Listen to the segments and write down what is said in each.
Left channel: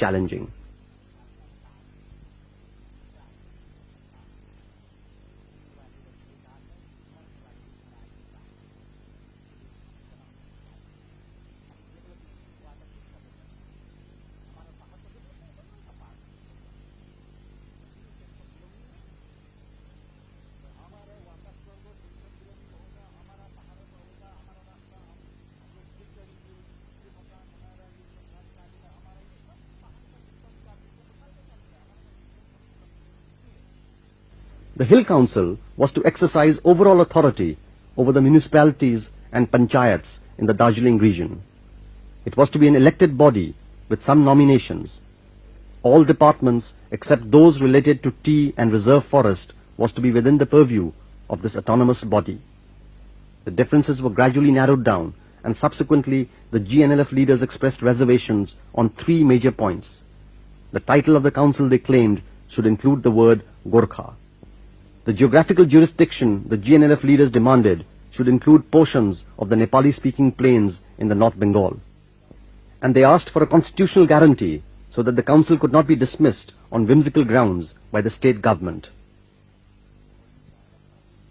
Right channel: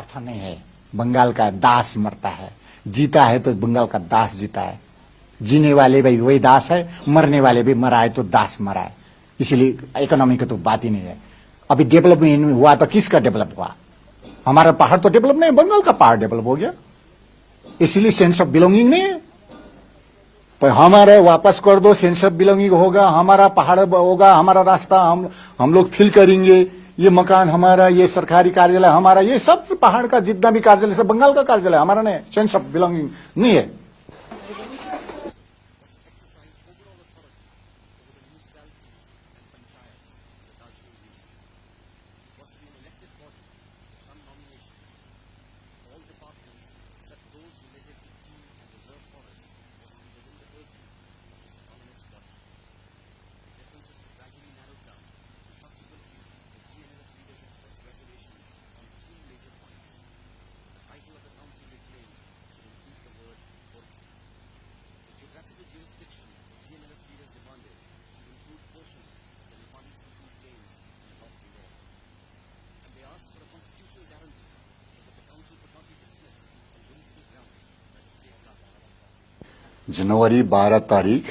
Challenging है। बंगाल का दास मरता है, जीता है तो बंगाल का दास जीता है। जीने वाले भी वही दास है, मरने वाले भी मरा है तो दास मरा है। इसलिए इकोनॉमी की तो बात ही नहीं है। अभी डेवलपमेंट हुआ तो किसका डेवलप हुआ? हमारा पहाड़ तो डेवलप नहीं, बंगाल का पहाड़ डेवलप हो गया। इसलिए सेंस ऑफ बिलोंगिंग नहीं है। पर हमारे वापस कर दो, सेंस ऑफ बिलोंगिंग होगा, हमारा पहाड़ होगा, हमारा रास्ता हम लोग फील करेंगे। ये मकान हमारा, ये सरकारी कार्यालय हमारा, ये सब पहाड़ का जितना भी कार्यालय सब बंगाल का कार्यालय हमारा नहीं। सेंस ऑफ बिलोंगिंग नहीं है। The Hill Council was to exercise overall authority over the municipalities and panchayats in the Darjeeling region. It was to be an elected body with some nominations. All departments except those related to tea and reserve forest was to be within the purview of this autonomous body. The differences were gradually narrowed down, and subsequently the GNLF leaders expressed reservations on three major points. The title of the council, they claimed, should include the word Gorkha. The geographical jurisdiction the GNLF leaders demanded should include portions of the Nepali-speaking plains in the North Bengal. And they asked for a constitutional guarantee so that the council could not be dismissed on whimsical grounds by the state government. जनवरी 12 तारीख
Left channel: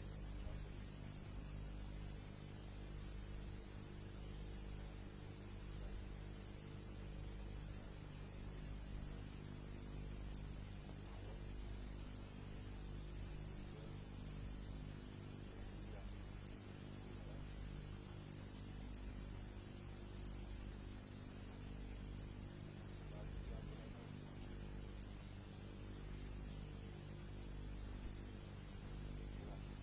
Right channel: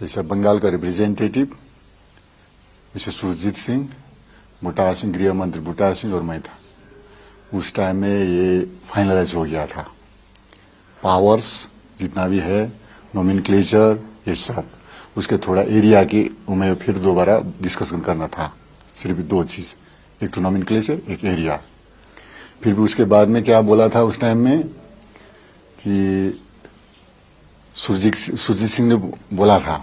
जैसे बंगाल का representative mister Surjit Singh, बुटा Singh, गृह मंत्री बुटा सिंह और मैं था। उस time में ये फाइनलाइज हो गया था। पावर्स जितना भी है, नोमेनक्लेचर, ये सब उसके थोड़ा एरिया की हमें फिर दोबारा डिस्कशन करना था। सिर्फ दो चीज, एक तो नोमेनक्लेचर, एक एरिया। फिर भी उसके बाद में क्या बोला था उस टाइम में कि सुरजीत सिंह ने बोला था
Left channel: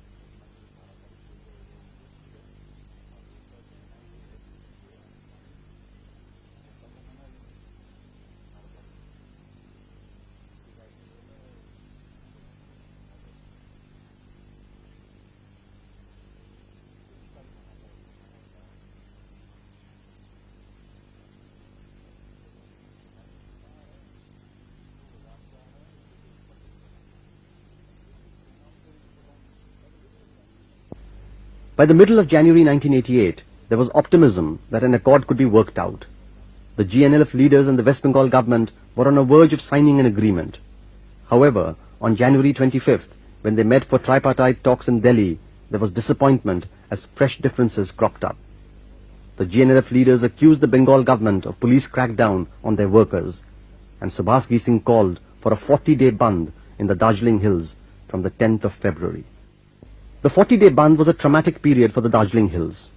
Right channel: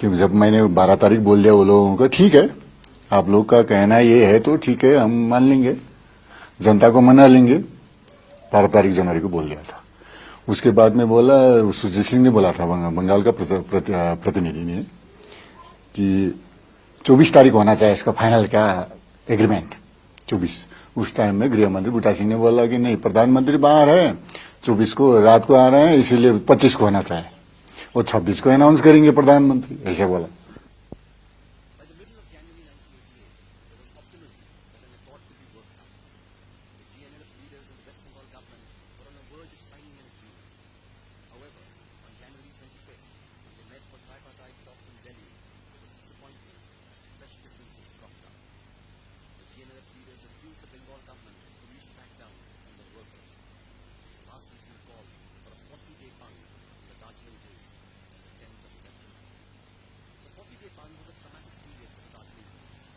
कि जब मैंने 12 तारीख बोल दिया वो लोगों को, ठीक है आप लोग का कहना ये है तो ठीक है हम मान लेंगे, जनता को मना लेंगे। 12 तारीख जनवरी को बोल दिया था। उसके बाद में बोला, सुरजीत सिंह ने बोला था बंगाल का प्रतिनिधि ने कि 24 तारीख होना चाहिए इसका फाइनल का एग्रीमेंट। 24 उस टाइम में गृह मंत्री बुटा सिंह ने बोला कि नहीं, प्रधानमंत्री बाहर है, 24 को रात को आ रहे हैं, इसीलिए 25 को होना चाहिए और 26 को अनाउंस करेंगे प्रधानमंत्री, ऐसे बोला। By the middle of January 1988, there was optimism that an accord could be worked out. The GNLF leaders and the West Bengal government were on a verge of signing an agreement. However, on January 25th, when they met for tripartite talks in Delhi, there was disappointment as fresh differences cropped up. The GNLF leaders accused the Bengal government of police crackdown on their workers, and Subhas Singh called for a 40-day Bandh in the Darjeeling Hills from the 10th of February. The 40-day Bandh was a traumatic period for the Darjeeling Hills.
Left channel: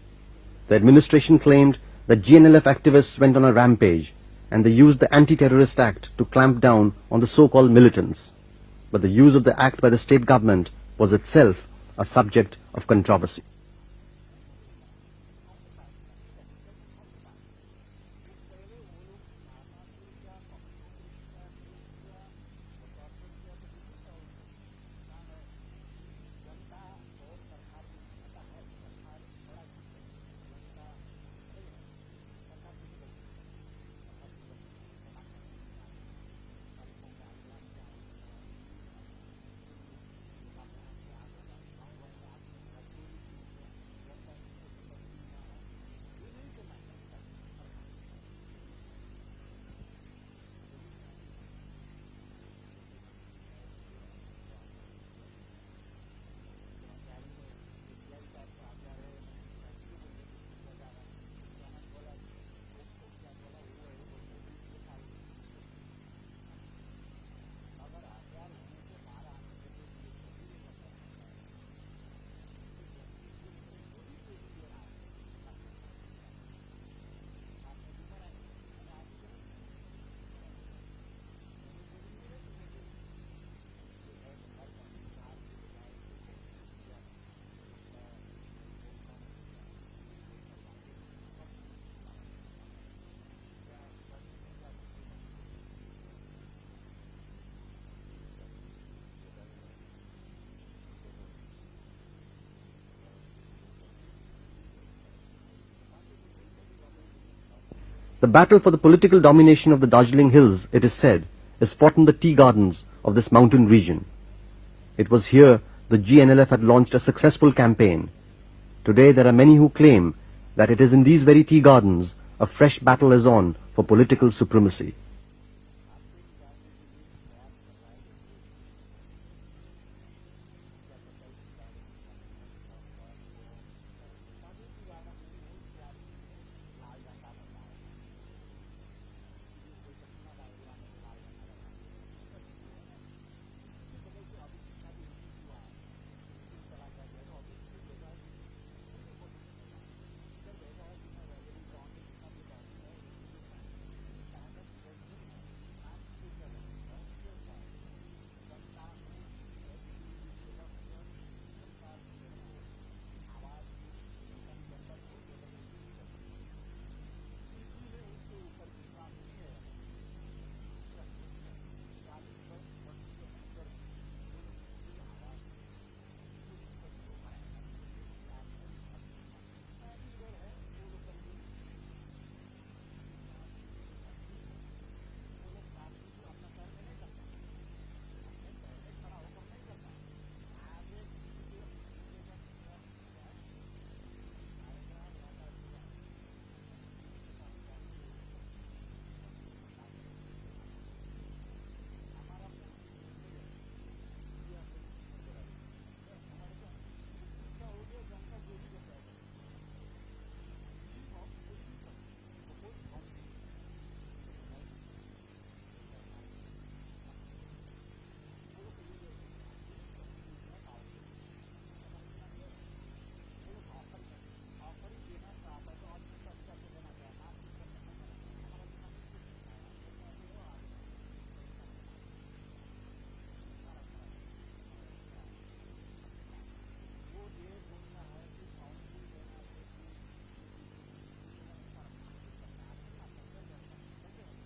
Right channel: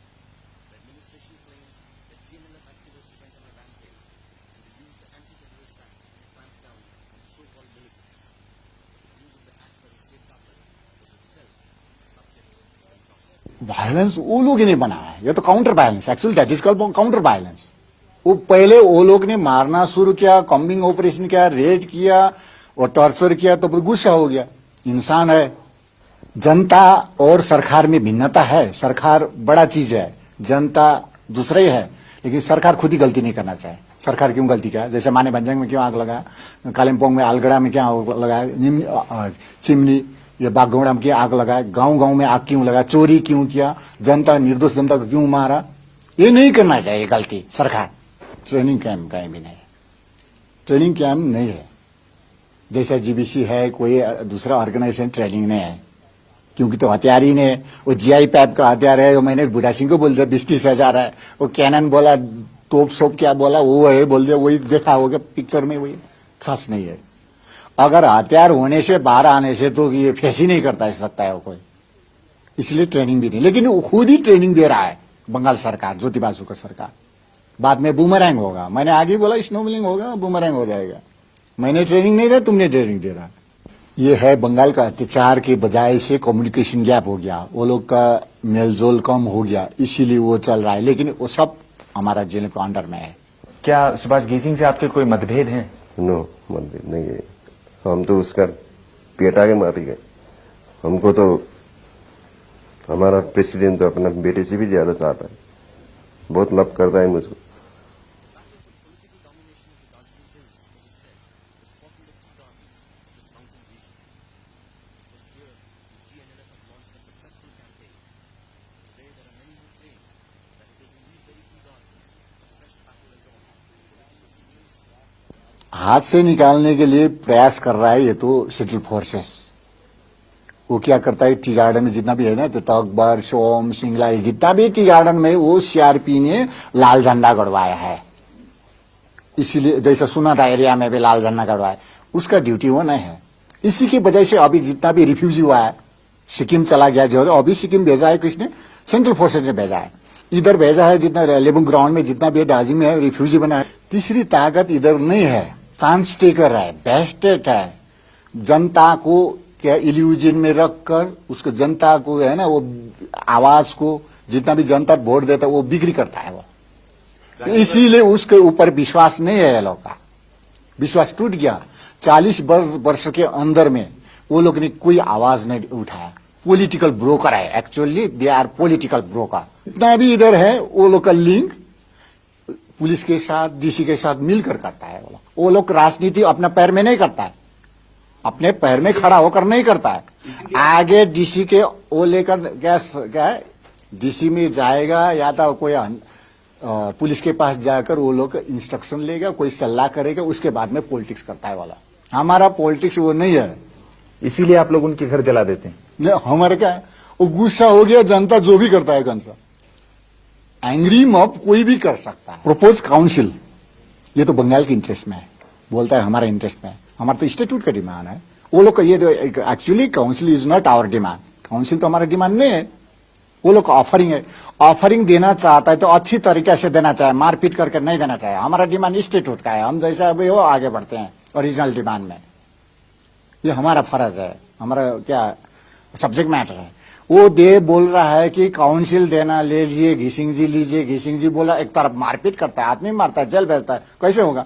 The administration claimed that GNLF activists went on a rampage and they used the Anti-Terrorist Act to clamp down on the so-called militants. But the use of the act by the state government was itself a subject of controversy. Violence वो लोग ने बनाया, ये तो counter violence, actually that is called counter violence. वो पहले वो लोग ने मारना शुरू किया, कॉम्बिंग ऑपरेशन किया, रेड किया और टॉर्चर किया, तो गुस्सा हो गया। इंसान है, जनता और सरकार में भिन्नता है। सरकार बड़ा चीज है, जनता दूसरा ही है। लेकिन सरकार खुद ही गलती नहीं करना चाहिए। सरकार क्यों गलती किया? जैसे माने भंजंग में क्यों आग लगा, कालिम्पोंग में आलगड़ा में क्या आग लगाया, चिमनी ये बागगौड़ा में क्या आग लगाया, गांव गांव में आग क्यों लगा, चोरी क्यों किया, जनता निर्दोष जनता को क्यों मारा, ये नहीं करना चाहिए गलती सरकार। ट्रेनिंग कैंप कहीं भी नहीं, ट्रेनिंग कैंप नहीं है। जैसा जीबीसी है, कोई दूसरा ऑर्गेनाइजेशन ट्रेनिंग नहीं है, क्योंकि तो हथियार ही नहीं। वो जीआई पैप का हथियार है, वो मैंने बुढ़ा सिंह को बोल दिया 20-30 हजार है। वो कैनन बोला, तोप सोप क्या बोला, वो है बोल दिया, वही देखा होगा पिक्चर में, वही खास नहीं है। अगर हथियार होने से बाहर आने से तो ये फेस ही नहीं करता सकता है वो कोई, इसलिए ट्रेनिंग भी नहीं। लेकिन वो खुद ही ट्रेनिंग दे रहा है बंगाल सरकार, ज्योति बासु का सरकार। बाद में बूमरैंग होगा, मैंने आगे बोला स्नोबॉलिंग होगा, बूमरैंग हो जाएगा। मैंने ट्रेनिंग नहीं दिया, तुमने ट्रेनिंग दे रहा। ये है बंगाल का अत्याचार के बजाय से कम्युनिकेशन गैप हो गया, वो लोग का मेलजोल कम हो गया, इसीलिए वो चल रहा है। लेकिन वो सब हमारा जेल के अंडर में है। क्या सुभाष गेसिंग से आपके कोई मतभेद हैं? नो, मतभेद नहीं है। हम तो उसका पेट आगे मार गए। हमको तो हमारा प्रेसिडेंट तो अपना बेटे से भी ज्यादा चाहता है, बहुत लव करता है मुझको। The battle for the political domination of the Darjeeling Hills, it is said, is fought in the tea gardens of this mountain region. It was here the GNLF had launched a successful campaign. Today there are many who claim that it is in these very tea gardens a fresh battle is on for political supremacy. हाथ से निकालने के लिए प्रयास कर रहा है ये तो सेंट्रल फोर्सेस। वो क्या करता है, टी गार्डन में जितना भी है ना, तो अकबर, सोम, सिंगला, ये जितना भी टी गार्डन में, वो सीआरपी ने लाल झंडा गड़वाया है। इसीलिए जैसा सुना था एरिया में भी लाल झंडा गड़वाया, उसका ड्यूटी वो नहीं है। इसी की वजह से अभी जितना भी रिफ्यूजी हुआ है, सिक्किम चला गया जो, अभी सिक्किम भेजा है किसने, सेंट्रल फोर्सेज ने भेजा है। इधर भेजा है जितना लेबुंग ग्राउंड में जितना भी दार्जिलिंग में है रिफ्यूजी बना है। तीसरी ताकत इधर नहीं है, चांस टेकर है, बेस्टेड है। जनता को क्या इल्यूजन में रखकर उसको जनता को है ना, वो आवाज को जितना भी जनता वोट देता है वो बिक्री करता है वो। इसीलिए उसके ऊपर विश्वास नहीं है ये लोग का, विश्वास टूट गया। 40 वर्ष के अंदर में वो लोग ने कोई आवाज नहीं उठाया। पॉलिटिकल ब्रोकर है, actually they are political broker. इतना भी इधर है वो लोग का लिंक पुलिस के साथ, डीसी के साथ मिलकर करता है। वो लोग राजनीति अपने पैर में नहीं करता है, अपने पैर में खड़ा होकर नहीं करता है। आगे डीसी के वो लेकर क्या है, डीसी में जाएगा या तो कोई पुलिस के पास जाकर वो लोग इंस्ट्रक्शन लेगा, कोई सलाह करेगा, उसके बाद में पॉलिटिक्स करता है वाला। हमारा पॉलिटिक्स वो नहीं है। इसीलिए आप लोग उनके घर जला देते हैं। नहीं, हमारे क्या है, वो गुस्सा हो गया, जनता जो भी करता है कंसा, एंग्री मॉब कोई भी कर सकता है। प्रपोज काउंसिल ये तो बंगाल के इंटरेस्ट में है, बोलता है हमारा इंटरेस्ट में है, हमारा तो इंस्टीट्यूट का डिमांड है। वो लोग का ये actually council is not our demand, council तो हमारा डिमांड नहीं है। वो लोग ऑफरिंग है, ऑफरिंग देना चाहता है तो अच्छी तरीके से देना चाहिए, मारपीट करके नहीं देना चाहिए। हमारा डिमांड इंस्टीट्यूट का है, हम जैसा अभी हो आगे बढ़ते हैं ओरिजिनल डिमांड में। ये हमारा फर्ज है, हमारा क्या सब्जेक्ट मैटर है। वो दे बोल रहा है कि काउंसिल देना ले लीजिए, घिसिंग जी लीजिए। घिसिंग जी बोला, एक तरफ मारपीट करता है, आदमी मारता है, जेल भेजता है, कैसे होगा?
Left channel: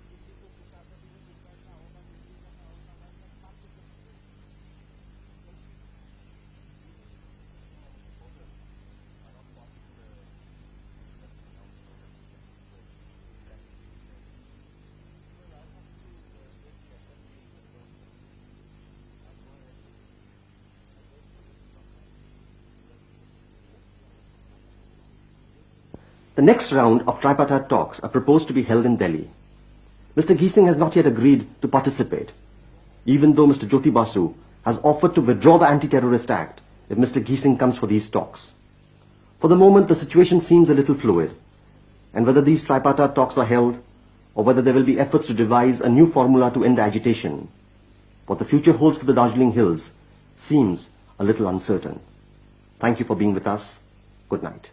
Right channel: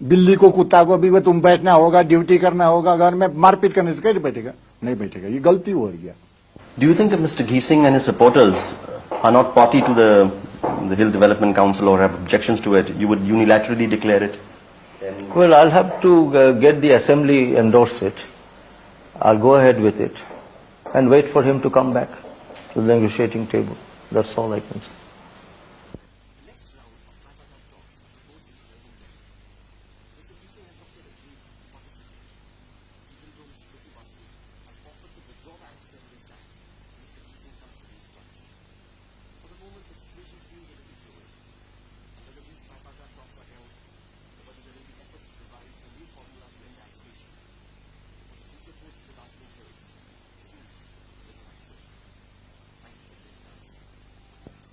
बिल्ली को कुत्ता को भी तुम बैठना होगा, ड्यूटी करना होगा, घर में मारपीट करने से कैसे बैठेगा? नहीं बैठेगा, ये गलती हो गया। Do you think if Mr. Geesing and his supporters are not party to the Hill Development Council or have objections to it, you would unilaterally declare it? Well, I'll have to get the assembly endorse it. I'll go ahead with it and wait for him to come back to the negotiating table. That's all I can say. The next round of tripartite talks are proposed to be held in Delhi. Mr. Geesing has not yet agreed to participate, even though Mr. Jyoti Basu has offered to withdraw the Anti-Terrorist Act if Mr. Geesing comes for these talks. For the moment, the situation seems a little fluid, and whether these tripartite talks are held or whether there will be efforts to devise a new formula to end the agitation, what the future holds for the Darjeeling Hills seems a little uncertain. Thank you for being with us. Good night.